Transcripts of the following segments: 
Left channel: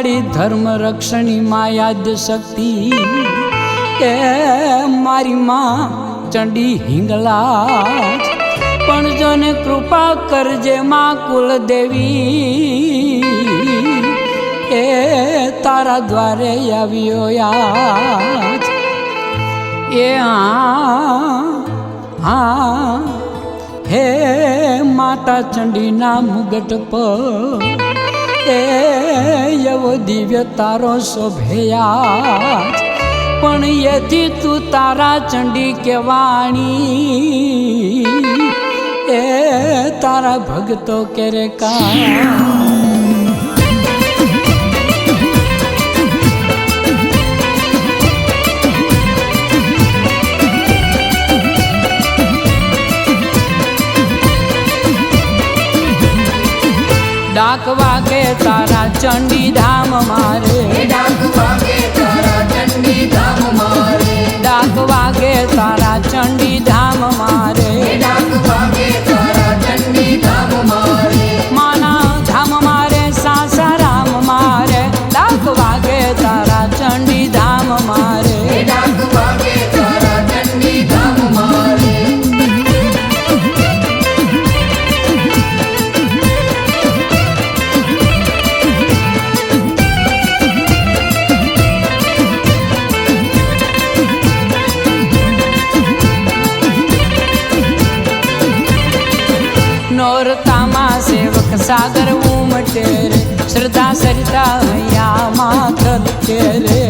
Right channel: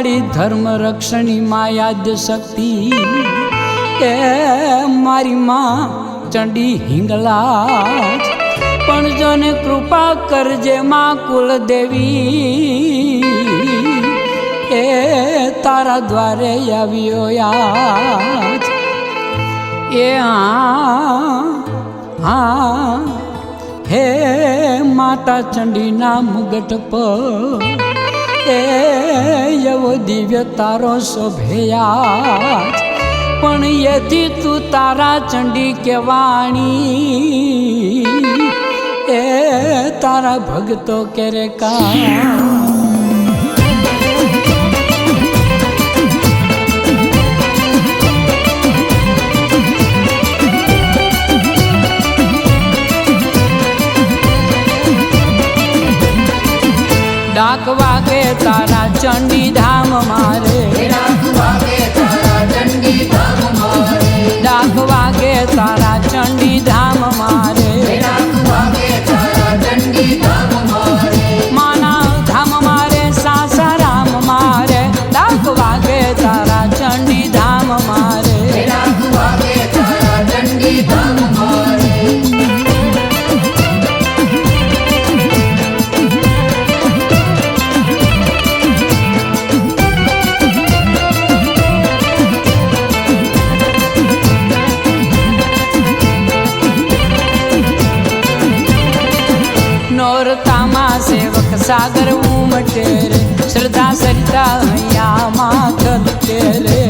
મારી ધર્મ રક્ષણી માયાદ શક્તિ એ મારી માં ચંડી હિંગલા પણ જોને કૃપા કરજે માં કુલદેવી એ તારા દ્વારે આવ્યો યાદ એ હા હે માતા ચંડીના મુગટ પર એ એવો દિવ્ય તારો શોભેયા પણ એથી તું તારા ચંડી કેવાણી એ તારા ભગતો કેરે કા डाक वागे तारा चंडी धाम मारे डाक वागे तारा चंडी धाम मारे माना धाम मारे सासाराम मारे डाक वागे तारा चंडी धाम मारे नोरतामा सेवक सागर उमटे रे श्रद्धा सरिता हैया माथल के रे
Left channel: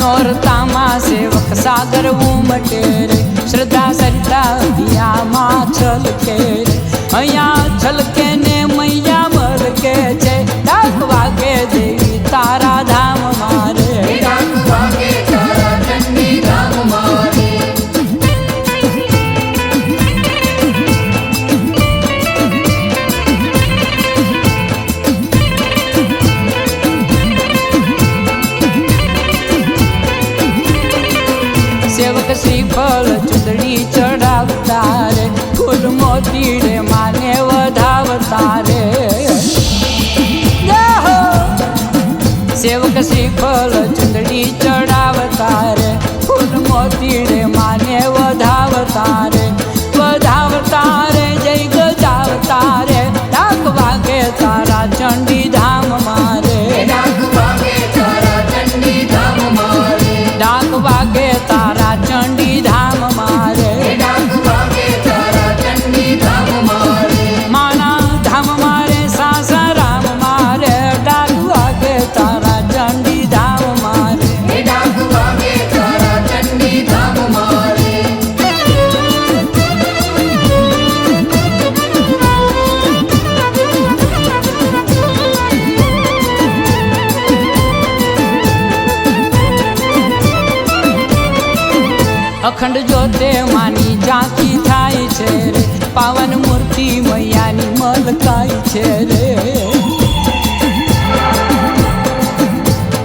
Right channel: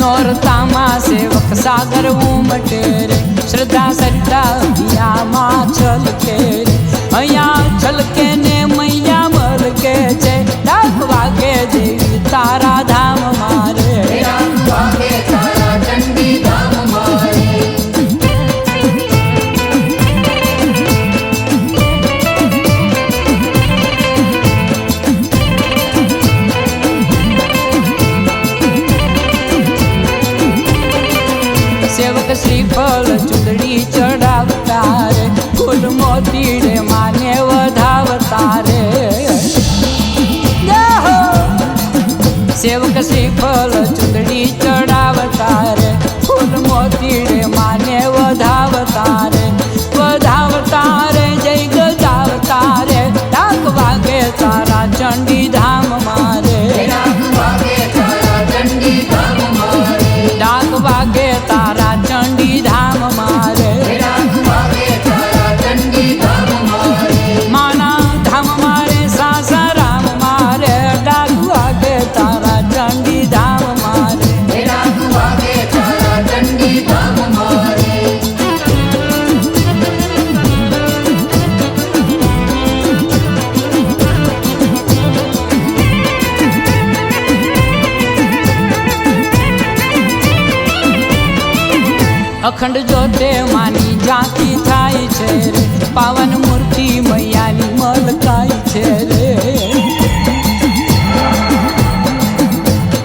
नोरतामा सेवक सागर उमटे रे श्रद्धा सरिता हैया माथल के रे हैया छल के ने मैया मल के छे डाक वागे देवी तारा धाम मारे डाक वागे तारा चंडी धाम मारे सेवक श्रीफल चुंदड़ी चढ़ावता रे फूल मोती रे माने वधावता रे सेवक श्रीफल चुंदड़ी चढ़ावता रे फूल मोती रे माने वधावता रे जय गजावता रे डाक वागे तारा चंडी धाम मारे डाक वागे तारा चंडी धाम मारे माना धाम मारे सासाराम मारे डाक वागे तारा चंडी धाम मारे अखंड जोते मानी झांकी थाई छे रे पावन मूर्ति मैयानी मलकाई छे रे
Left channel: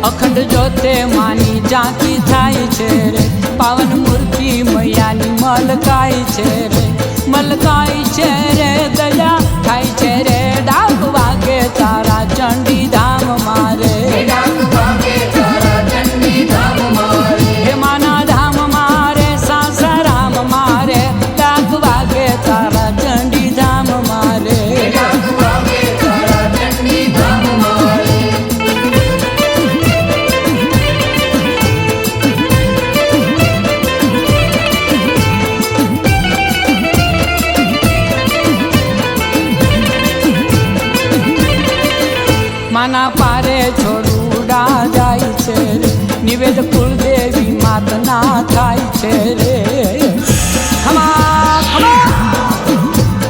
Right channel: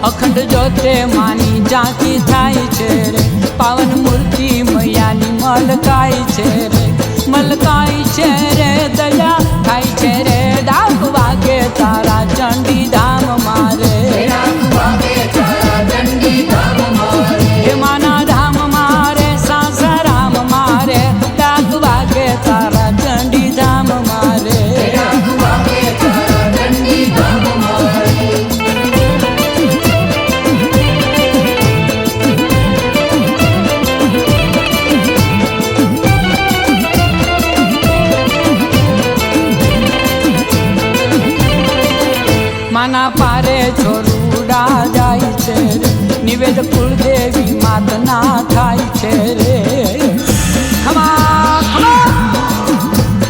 अखंड जोते मानी झांकी थाई छे रे पावन मूर्ति मैयानी मलकाई छे रे दया थाई छे रे डाक वागे तारा चंडी धाम मारे हे माना धाम मारे सासाराम मारे डाक वागे तारा चंडी धाम मारे माना पारे छोरूडा जाई छे रे निवेद कुलदेवी मातना थाई छे रे खमा खमा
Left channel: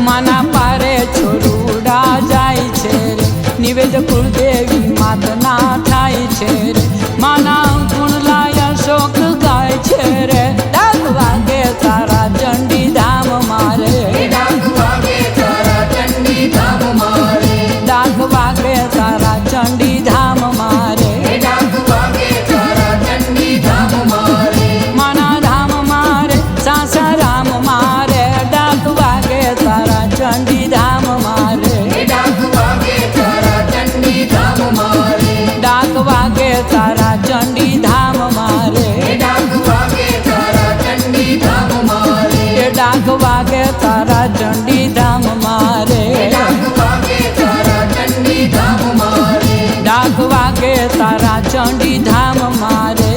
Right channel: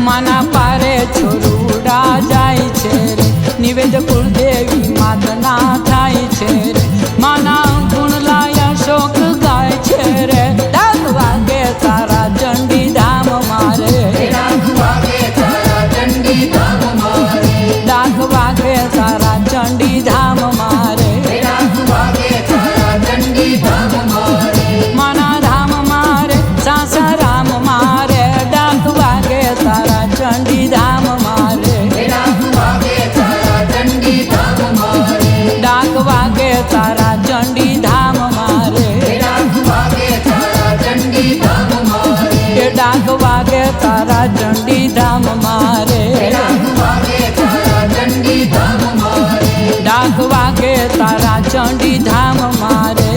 माना पारे छोरूडा जाई छे रे निवेद कुलदेवी मातना थाई छे रे माना गुण लाया शोक गाय छे रे डाक वागे तारा चंडी धाम मारे डाक वागे तारा चंडी धाम मारे माना धाम मारे सासाराम मारे डाक वागे तारा चंडी धाम मारे। વાગે તારા ચંડી ધામ મારે એ ડાક વાગે તારા ચંડી ધામ મારે ડાક વાગે તારા ચંડી ધામ મારે